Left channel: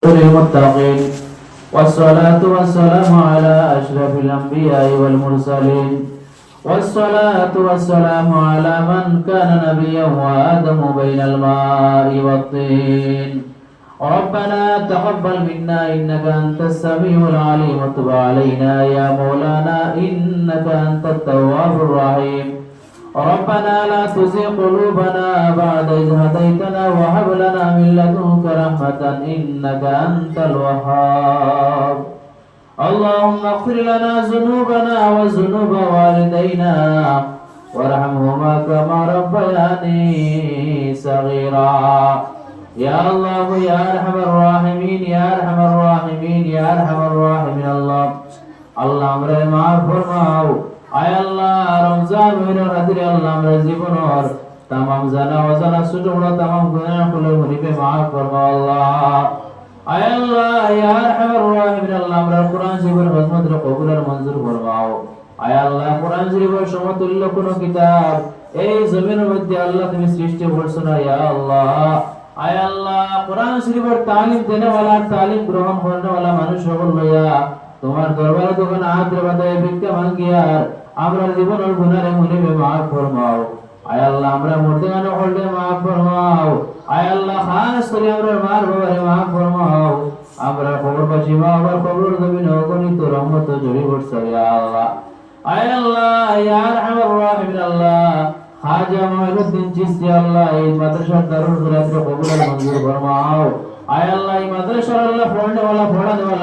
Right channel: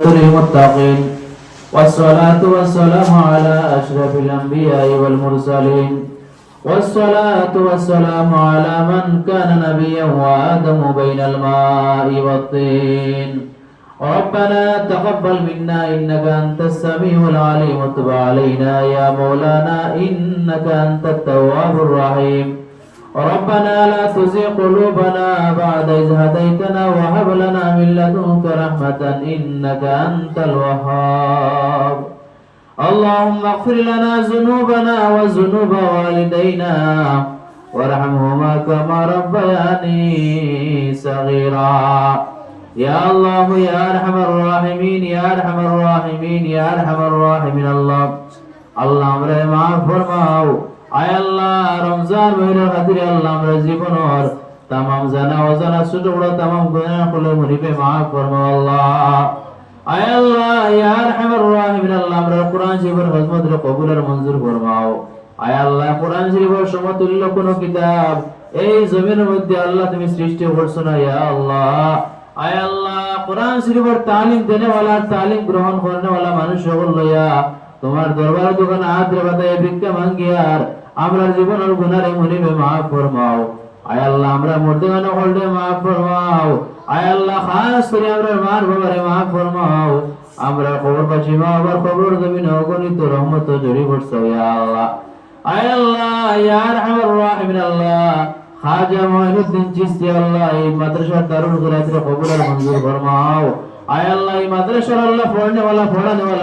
للمتقين والصلاة والسلام على أشرف الأنبياء والمرسلين والصلاة والسلام على من كان نبيا وآدم بين الماء والطين ربنا تقبل منا إنك أنت السميع العليم وتب علينا يا مولانا إنك أنت التواب الرحيم ربنا لا تزغ قلوبنا بعد إذ هديتنا وهب لنا من لدنك رحمة إنك أنت الوهاب اللهم اغفر لنا ذنوبنا وذنوب والدينا وارحمهما كما ربياني صغيرا يا الله يا أرحم الراحمين يا أرحم الراحمين يا أرحم الراحمين الله আমরা মাফ ফরমাও আয় আল্লাহ রমজান মাসের খাতিরে আল্লাহ আমরা জীবন আর तमाम জানা অজানা ছোট বড় तमाम গুনাহ গুলো মুরিবে মাফ ফরমাও আল্লাহ আয় আল্লাহ ইয়া আরহামার রাহিমিন আল্লাহ আমরা কোরআন শরীফের খিদমত কবুল আর মঞ্জুর ফরমাও আয় আল্লাহ কোরআন শরীফের সমতুল্য কোন কিতাব এই জমিনের মধ্যে আল্লাহ তুমি সৃষ্টি করছো না ইয়া আল্লাহ আয় আল্লাহ কোরআন শরীফের তালিম দেনে वाला তালিম গ্রহণ করনে वाला মানুষ সকল লইয়া তোমার দরবারে যখন হাত রে বাঁধায় ভিক্ষা মাঙ্গিয়ার আমরা জীবনের গুনাহে মুনিবে মাফ ফরমাও আয় আল্লাহ আমরা মর্দানা হলদে মাফ ফরমাও আয় আল্লাহ খাস করে আমরা মার বাবারে মাফ ফরমাও আমরা কবর পাচ্ছি মা বাবার কবর জমিনে অগণিত রহমত জড়ি পড়ছে ইয়া আল্লাহ আয় আল্লাহ ইয়া আরহামার রাহিমিন আল্লাহ খাজা মুঈনুদ্দিন চিশতি আল্লাহ এই মাদ্রাসার দারুল কুরআনের কবুল মঞ্জুর ফরমাও आय अल्लाह मदरसा अल्लाह पढ़ने वाला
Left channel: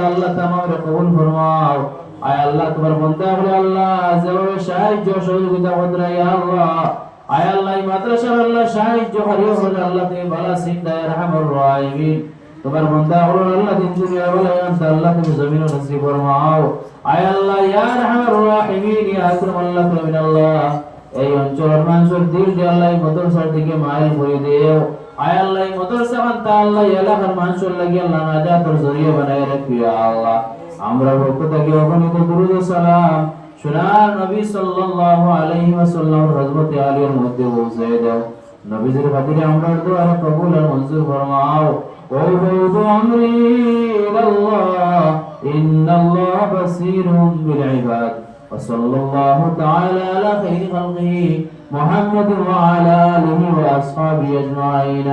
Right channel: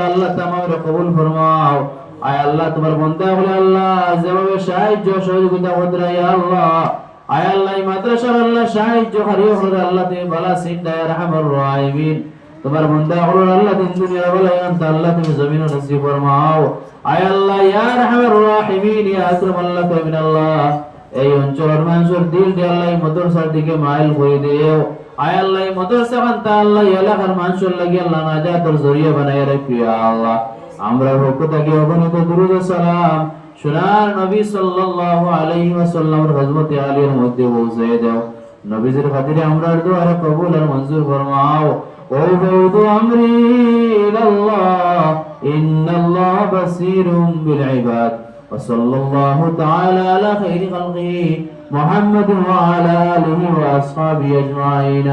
अल्लाह तमाम रे कबूल फरमाओ आय अल्लाह तुम्हारे बंदा बोले अल्लाह जवाब शाहिद जो सहयोगिता होद्रा या अल्लाह आय अल्लाह मदरसा अल्लाह शाहिद जो हरियो हो अल्लाह ते भला सिंदा या रहमर राहिमीन तुम्हारे बंदा बोले अल्लाह दिन दुनिया वाला अंत अल्लाह तुम जमीन नसीब फरमाओ आय अल्लाह या रहमर राहिमीन या अकरम अल्लाह तमिन अल्लाह এই অঞ্চলের মানুষের দিল দিয়ে আল্লাহ মাদ্রাসার দিকে মাইল করে দিও আয় আল্লাহ মাদ্রাসা খানটা আল্লাহ এলাকার মানুষের লাগি আল্লাহ নাজাতের জরিয়া বানায় রাখি ইয়া আল্লাহ আমরা পক্ষ থেকে অগণিত দুরূদ ও সালাম সোনার নবী সাল্লাল্লাহু আলাইহি ওয়াসাল্লামের হযরতে আলীর মধ্যে পৌঁছে দাও নবীজির খাতিরে আমরা দোয়া কবুল আর মঞ্জুর ফরমাও ও বউদু আমরি ইলাল্লাহ ইন্নাল্লাহ বাসীরুম বিল ইবাদ وصلى الله تعالى على خير خلقه محمد وعلى آله وأصحابه أجمعين